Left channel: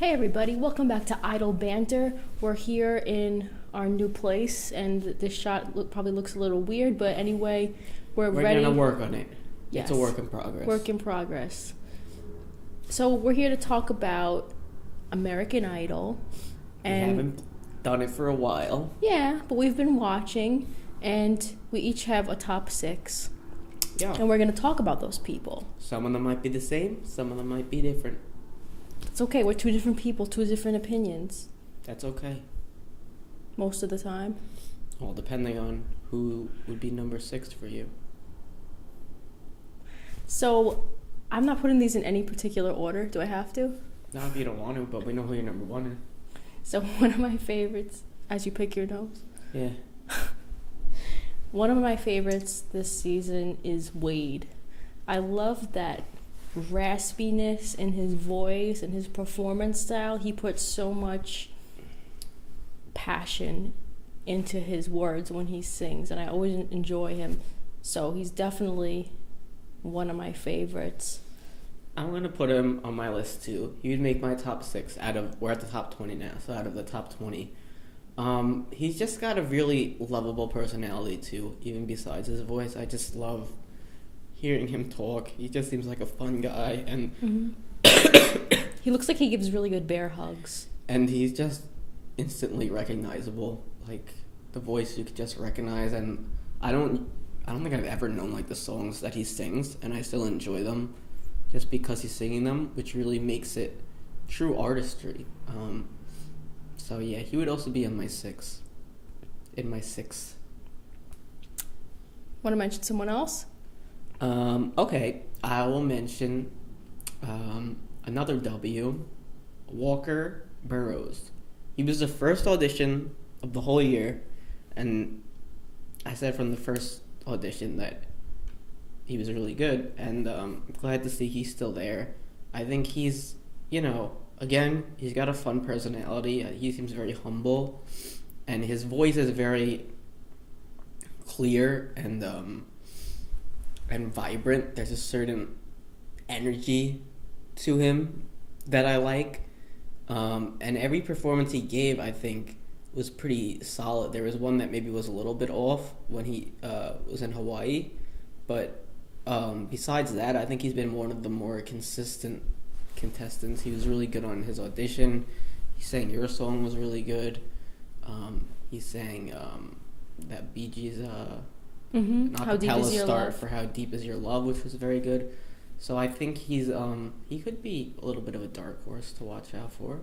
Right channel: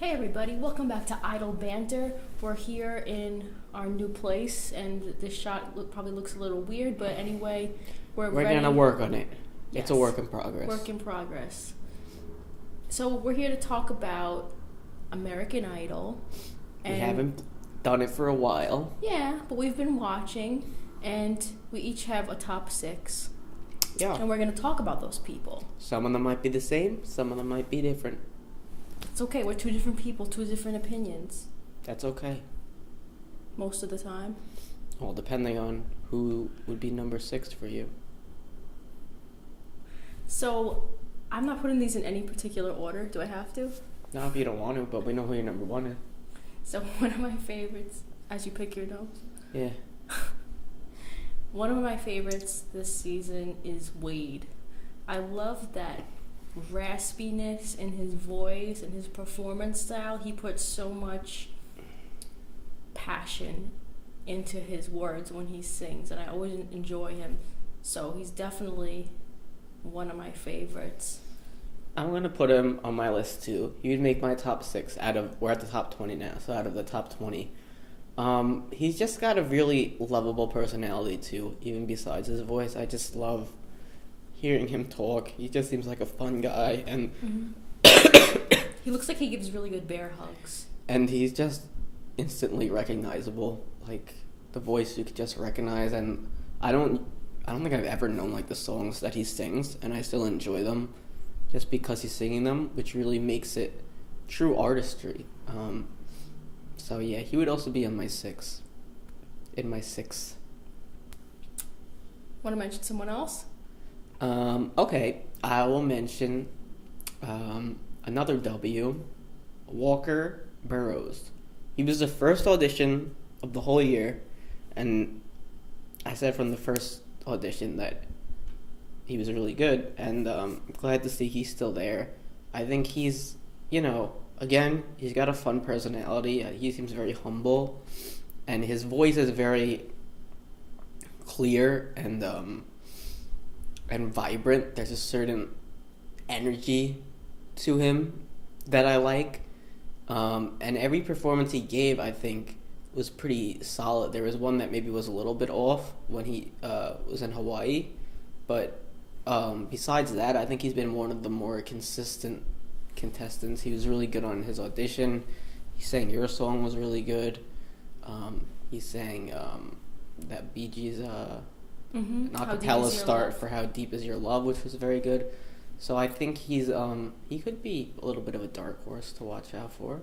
Hey everybody, welcome back to Idle Banter. We're here in our new place, and this shot probably looks a little weird, but anyway, we're ready. Gonna work on it. Yes. It's a work in progress. Work in progress. So we're here to talk about American Idol. We And haven't done it for a while. yeah, but we've been watching, and we each have a top 6. Yeah. And we're going to talk about those people. Some of them might be the same, some of them might be different. It's okay, we're 2 different people, 2 different opinions. That's okay. Most of the time. Well, depending on who would be number 6 for you. So, I'm not putting these in any particular order. Do I have to? Not if you don't want to, but we know who your number 1 is. So, one of my favorites, as you pick your nose. Yeah. One of my favorites this season is Wade. I love that raspiness in his voice and his performance style. He puts so much passion into his words when he sings, and I always enjoy him. So he's definitely one of my favorites. I'm going to put him on my list too. You'd make my top 6 we're at the top 20 now, so out of the top 20. He's just got a really lovable personality too, even besides his voice. I just love hearing him talk. He just seems like a fun guy, and He looks like he gives really good bear hugs. And he's just instantly recognizable. Like, the voice you could just recognize, and I don't think I've ever known like the songs that he sings, and I still enjoy them just because he's singing them, which really makes it true artistry. So yeah, he would also be on my 6. In my 6. Want to mention someone else? Okay, I will mention another W, Walker Burroughs. He was the first audition of the whole year, and I said from the first audition that he was really good, and I'm glad to see he's still there. I think he's, again, he's got a fun personality. He seems very humble, and his voice is very clear and vibrant. There's a certain energy to him that I like. And every performance he gave, I think, was pretty solid. There was one that maybe was a little bit off when he was in Hawaii. But besides that, I think he's been one of the more consistent contestants. He was really good on his audition. He sang Your Song was really good. He sang that Bee Gees acapella start for How Deep Is Your Love, which was very good. So I think he could be a little bit of a dark horse to watch out for.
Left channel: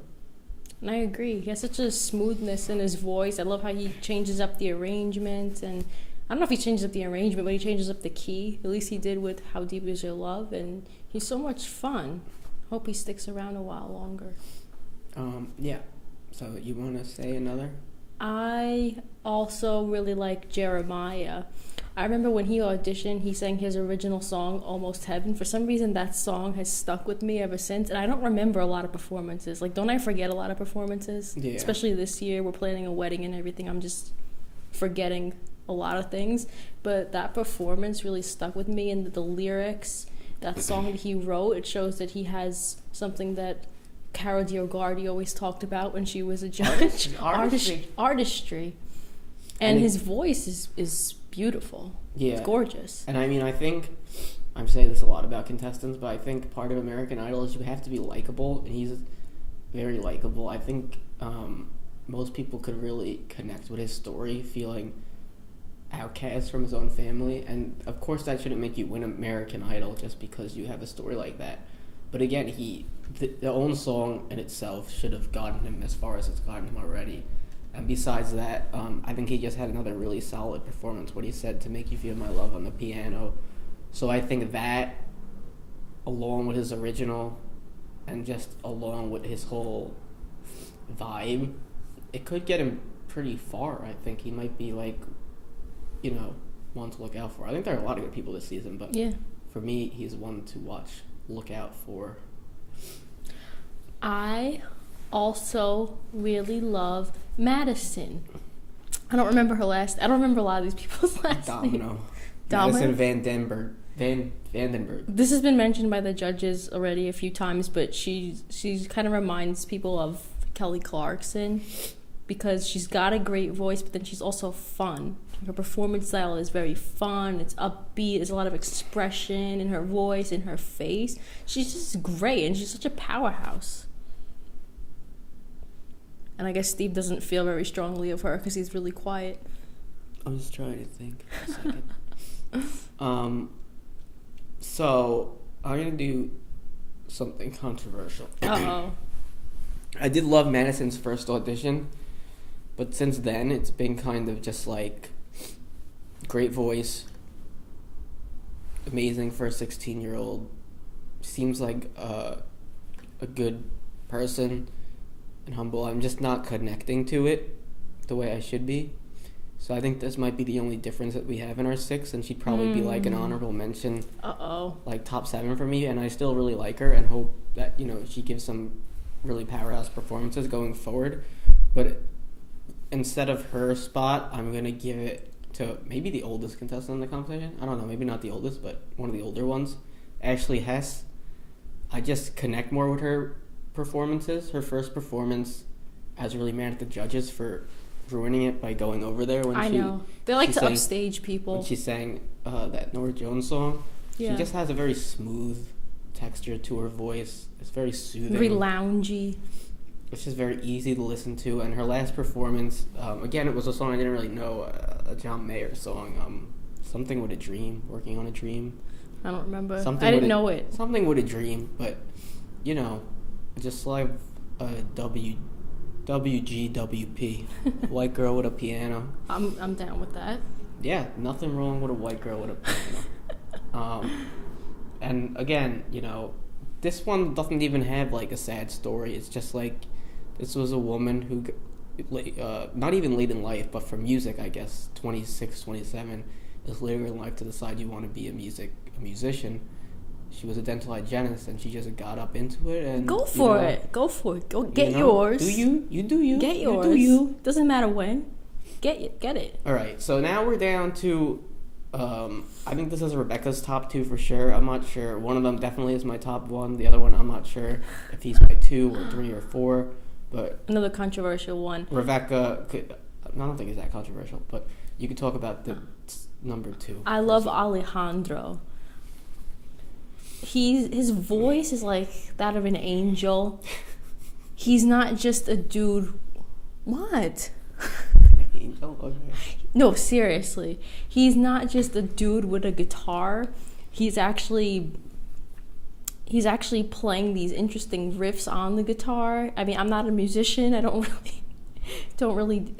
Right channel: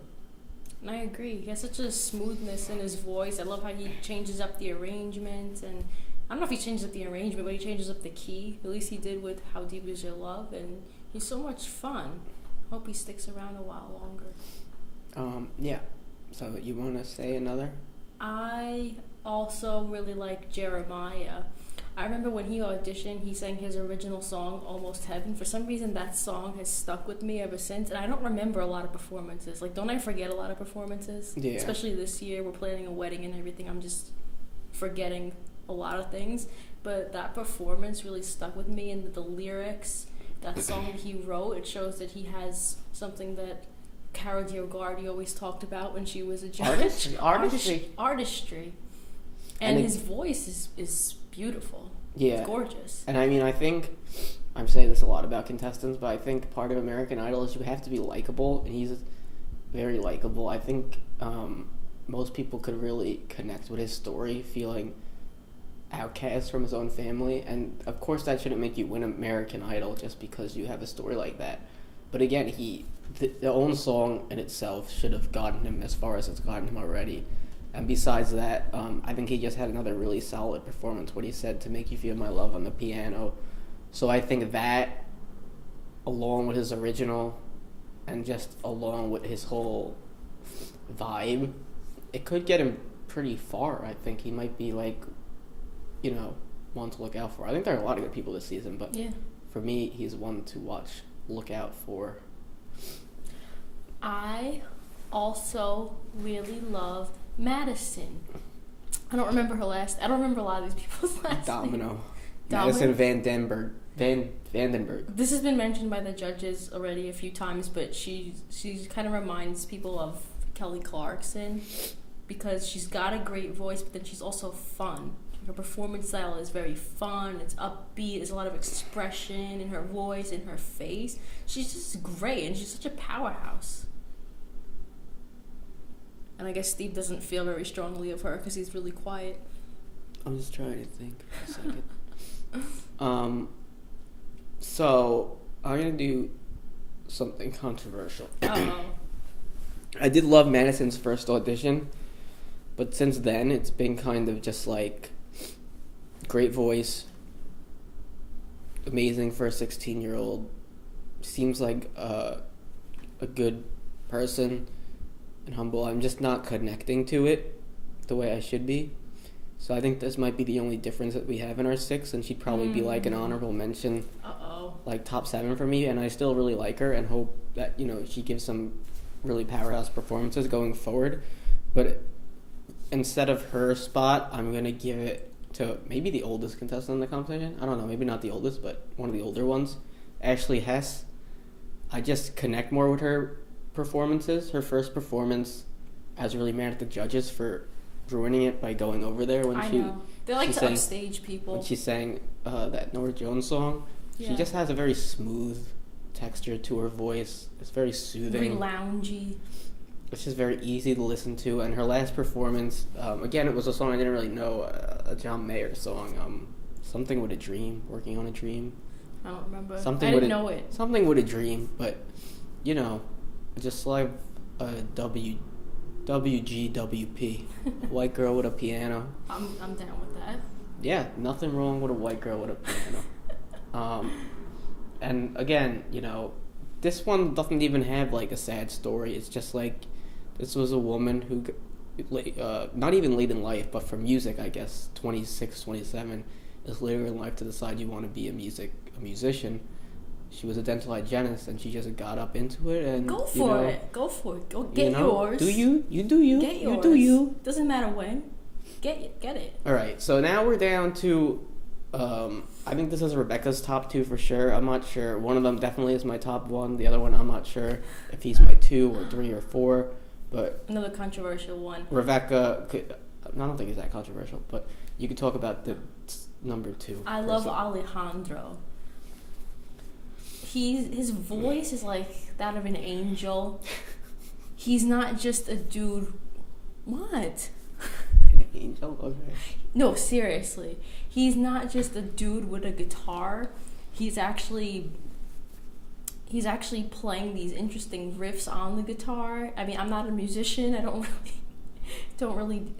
And I agree. He has such a smoothness in his voice. I love how he changes up the arrangement, and I don't know if he changes up the arrangement, but he changes up the key. At least he did with How Deep Is Your Love, and he's so much fun. Hope he sticks around a while longer. Yeah. So you want to say another? I also really like Jeremiah. I remember when he auditioned, he sang his original song, Almost Heaven. For some reason, that song has stuck with me ever since, and I don't remember a lot of performances. Like, don't I forget a lot of performances? Yeah. Especially this year, we're planning a wedding and everything. I'm just forgetting a lot of things. But that performance really stuck with me, and the lyrics, that song that he wrote, it shows that he has something that Cara DioGuardi always talked about when she was a judge. Artistry. And his voice is beautiful. Yeah. It's gorgeous. And I mean, I think, I'm saying this a lot about contestants, but I think part of American Idol is you have to be likable, and he's very likable. I think most people could really connect with his story, feeling outcast from his own family, and of course that shouldn't make you win American Idol just because you have a story like that. But again, the own song in itself should have gotten him as far as it's gotten him already. And besides that, I think he just had another really solid performance, what he said, To Make You Feel My Love on the piano. So I think that, along with his original, and just along with his whole vibe, it could get him pretty far. I think he might be one to look out for. I think there are a lot of good people this season, but yeah, for me, he's one to look out for. I also really love Madison. I don't remember a lot of these people's last names. Madison VanDebBurg. VanDebBurg. This has been mentioned by the judges already a few times, but she kind of reminds people of Kelly Clarkson because she's got a great voice, but then she's also fun. Her performance style is very fun. It's upbeat. There's a lot of expression in her voice, in her face. She's just great, and she's such a powerhouse. And I guess Steve doesn't feel very strongly of her because he's really quiet. I'm just trying to think for a second. So I'm gonna do something controversial. Uh-oh. I did love Madison's first audition, but since then it's been kind of just like great voice, amazing for a 16-year-old, seems like a good person and humble. I'm just not connecting to it the way I should be. So I think this might be the only difference that we have in our 6, and she'd probably be like an honorable mention, like top 7 for me. And I still really like her and hope that, you know, she gives some really powerhouse performances going forward. But instead of her spot, I'm gonna give it to maybe the oldest contestant in the competition. I don't know, maybe not the oldest, but one of the older ones, Ashley Hess. I just connect more with her performances. Her first performance, I was really mad at the judges for ruining it by going over there when I know. They like to upstage people. When she sang that Norah Jones song, she just has a very smooth texture to her voice. It's very soothing. Very loungy. It's just very easy to listen to. And her last performance, again, it was a song I didn't really know, a John Mayer song, Something with a Dream, Working on a Dream. I don't remember. I didn't know it. Something with a Dream, but, you know, just like a WGWP, white girl with a piano. I'm down with that. Yeah, nothing wrong with a white girl with a piano. And again, you know, this one doesn't even have like a sad story. It's just like this was a woman who, not even late in life, but for music, I guess, 26, 27, is later in life to decide you want to be a musician. She was a dental hygienist, and she just got up into it. And Go for it. Go get yours. Do you? You do you. Get yours. You do you. Doesn't matter when. Get it. All right. So now we're down to. I think this is Rebecca's top 2 for sure. I'm not sure. One of them definitely is my top 1. The other one, I'm not sure if he's my 2 or 3 or 4. But another controversial one. Rebecca. I don't think it's that controversial, but you could talk about the number 2. I love Alejandro. His voice is like that of an angel. He's not just a dude. What? An angel? Okay. No, seriously. He's not just a dude with a guitar. He's actually playing these interesting riffs on the guitar. I mean, I'm not a musician. I don't really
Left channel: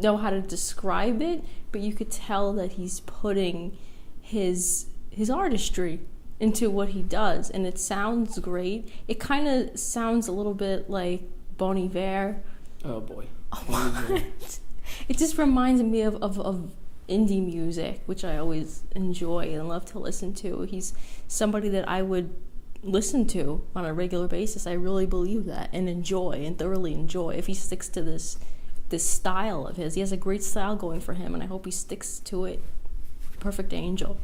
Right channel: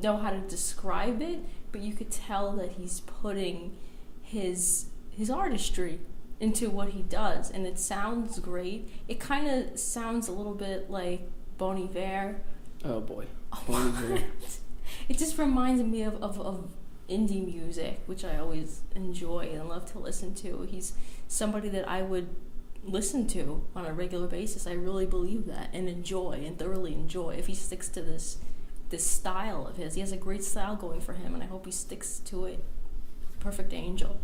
know how to describe it, but you could tell that he's putting his artistry into what he does, and it sounds great. It kind of sounds a little bit like Bon Iver. Oh boy. It just reminds me of indie music, which I always enjoy and love to listen to. He's somebody that I would listen to on a regular basis. I really believe that, and enjoy, and thoroughly enjoy, if he sticks to this style of his. He has a great style going for him, and I hope he sticks to it. Perfect angel.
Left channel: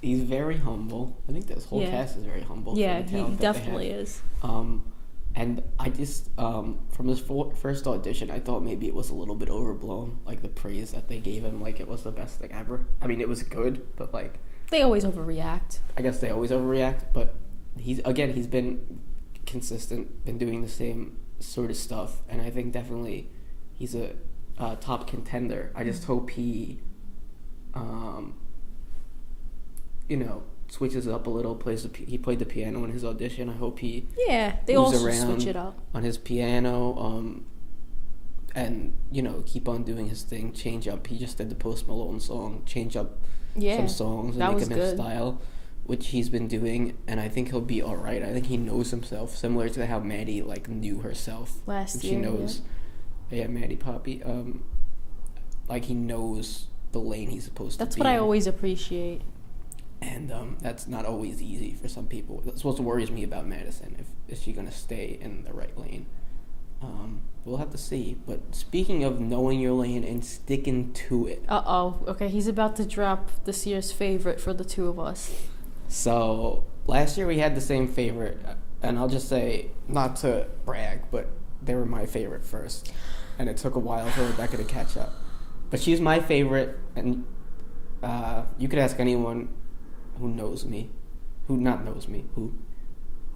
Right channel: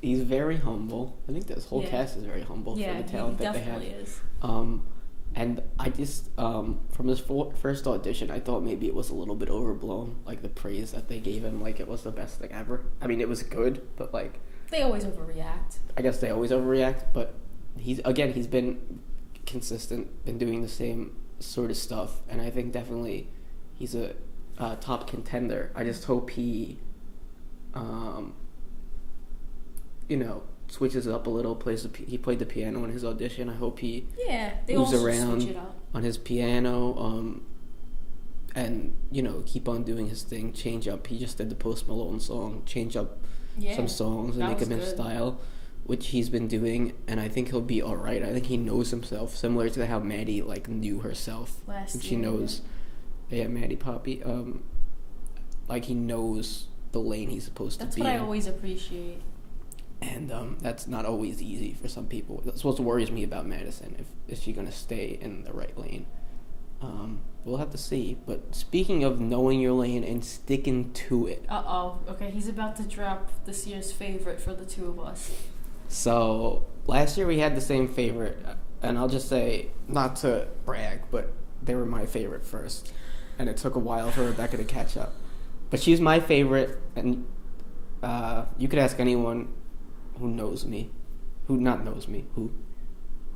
He's very humble. I think this whole cast is very humble. Yeah, he definitely is. And I just, from his first audition, I thought maybe it was a little bit overblown, like the praise that they gave him, like it was the best thing ever. I mean, it was good, but like... They always overreact. I guess they always overreact, but he's been consistent, been doing the same sort of stuff, and I think definitely he's a top contender. I just hope he, switches it up a little. He played the piano in his audition. I hope he they moves also around switch it up on his piano, and keep on doing his thing. Change up. He just did the Post Malone song. Change up some songs and make him his style, which he's been doing. And I think he'll be all right. I think he knows himself, similar to how Maddie knew herself last year. She knows, Maddie Poppy. He knows the lane he's supposed to be in. That's what I always appreciate. And that's not always easy for some people. That's what worries me about Madison. Is she going to stay in the right lane? We'll have to see. But speaking of knowing your lane and sticking to it. Okay, he's about to drop this year's favorite for the two of us. So, last year we had the same favorite. And I'll just say, not to brag, but they were my favorite first. And it took a while for Rebecca to catch up. But she's my favorite, and you could ask anyone who knows me, who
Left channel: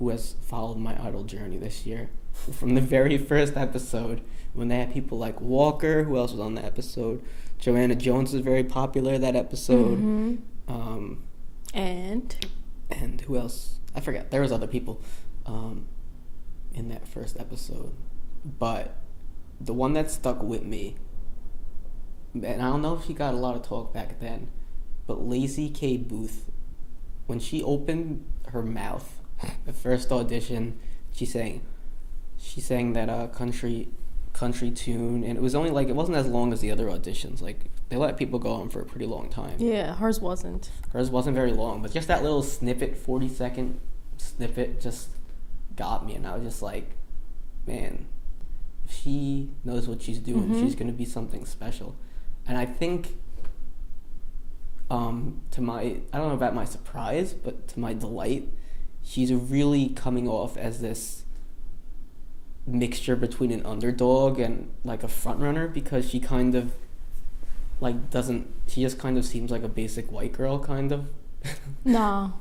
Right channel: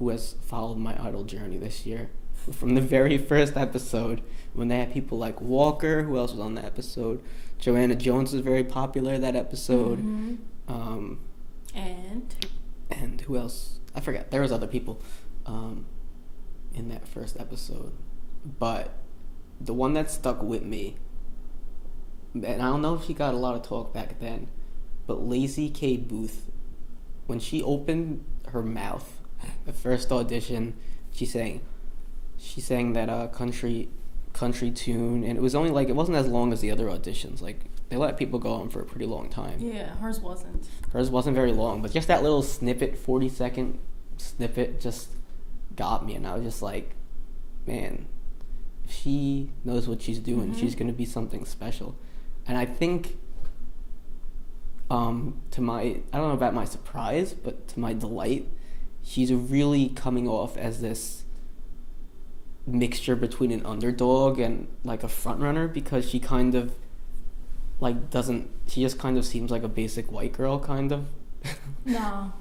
has followed my idol journey this year. From the very first episode, when they had people like Walker, who else was on the episode? Joanna Jones was very popular that episode. Mm-hmm. And who else? I forget. There was other people in that first episode. But the one that stuck with me, and I don't know if she got a lot of talk back then, but Laci K. Booth, when she opened her mouth, the first audition, she sang that country tune, and it was only like, it wasn't as long as the other auditions. Like, they let people go on for a pretty long time. Yeah, hers wasn't Very long, but just that little snippet, 40-second snippet, just got me, and I was just like, man, if she knows what she's doing, mm-hmm. she's going to be something special. And I think, I don't know about my surprise, but to my delight, she's really coming off as this mixture between an underdog and like a front runner, because she kind of like she just kind of seems like a basic white girl, kind of. No.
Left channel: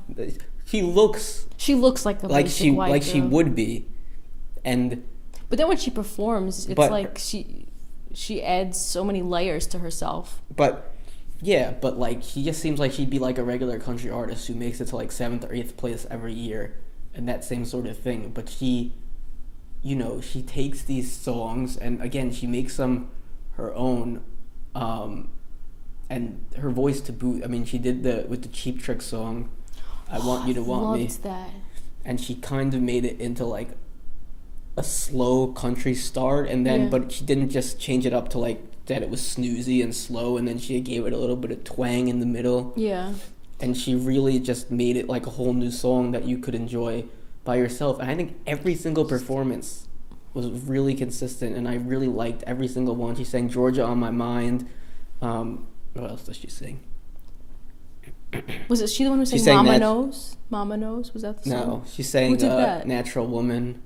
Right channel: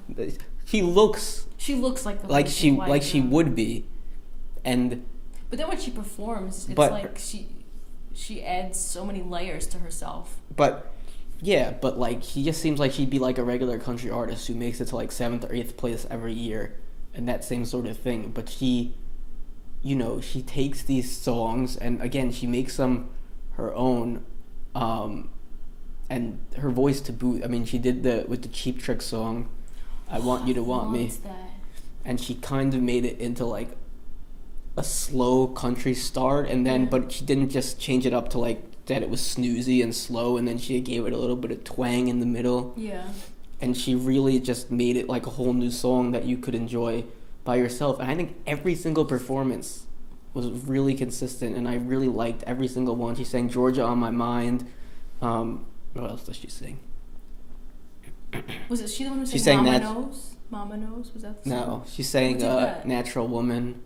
She looks like a basic white girl. She would be. But then when she performs, it's like she adds so many layers to herself. But like, she just seems like she'd be like a regular country artist who makes it to like 7th or 8th place every year and that same sort of thing. But she takes these songs and, again, she makes them her own, and her voice to boot. I mean, she did with the Cheap Trick song, I Want You to Want Me. That. And she kind of made it into like a slow country start, and then but she didn't just change it up to like that it was snoozy and slow, and then she gave it a little bit of twang in the middle. Yeah. And she really just made it like a whole new song that you could enjoy by yourself. And I think every single performance was really consistent, and I really liked every single one. She sang Georgia on My Mind. What else does she sing? Was it she the one who sang Mama Knows? Mama Knows? Was that the song? No, she sang Natural Woman.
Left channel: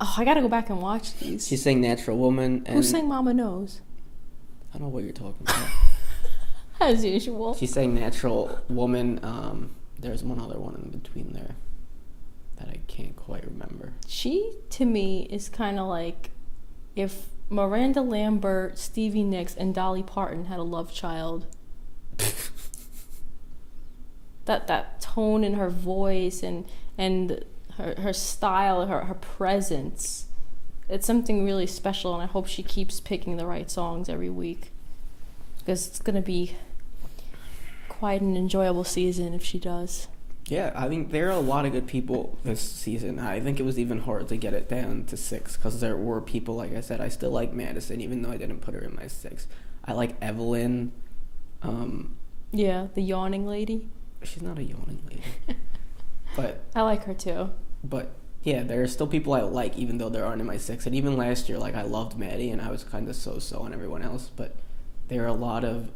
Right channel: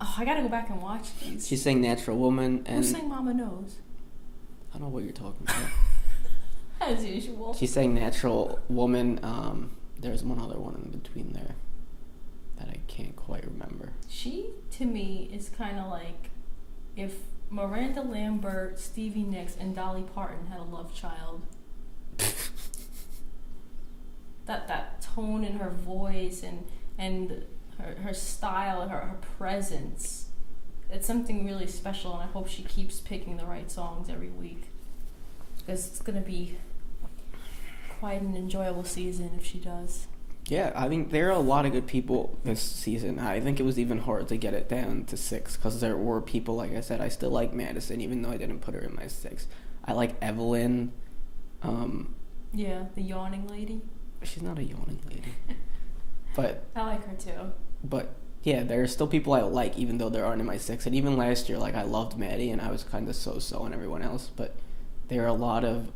Oh, I gotta go back and watch these. She sang Natural Woman. And who sang Mama Knows? I don't know what you're talking about. As usual. She sang Natural Woman. There's one other one in between there that I can't quite remember. She, to me, is kind of like if Miranda Lambert, Stevie Nicks, and Dolly Parton had a love child. that tone in her voice and her style, her presence. It's something really special, and I hope she keeps picking the right songs every week, because it's going to be quite an enjoyable season if she does. Yeah, I mean, there are a lot of good people this season. I think it was even hard to get it down to 6, because there were people, like I said, I still like Madison, even though I didn't put her in my 6. I like Evelyn. Yeah, the yawning lady. She's not a yawning lady. But I like her too. But yeah, there are still people I like, even though there aren't in my 6. And even last year, like, I loved Maddie, and I was kind of so-so on everyone else. But there are a lot of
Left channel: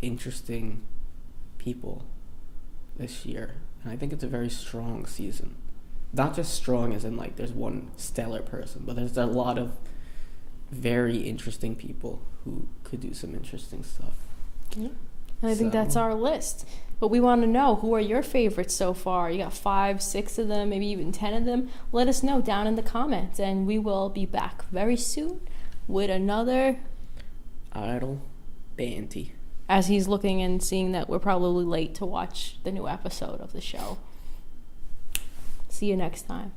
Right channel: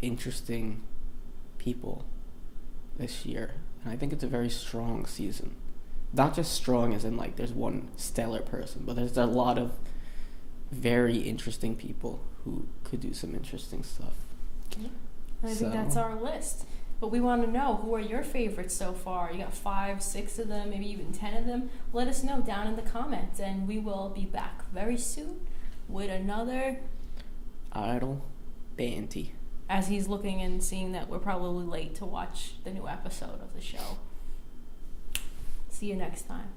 interesting people this year, and I think it's a very strong season. Not just strong as in, like, there's one stellar person, but there's a lot of very interesting people who could do some interesting stuff. Yeah. And I think that's our list. But we want to know, who are your favorites so far? You got 5, 6 of them, maybe even 10 of them. Let us know down in the comments, and we will be back very soon with another Idol Banty. As he's looking and seeing that we're probably late to watch the new episode of the show. See you next time.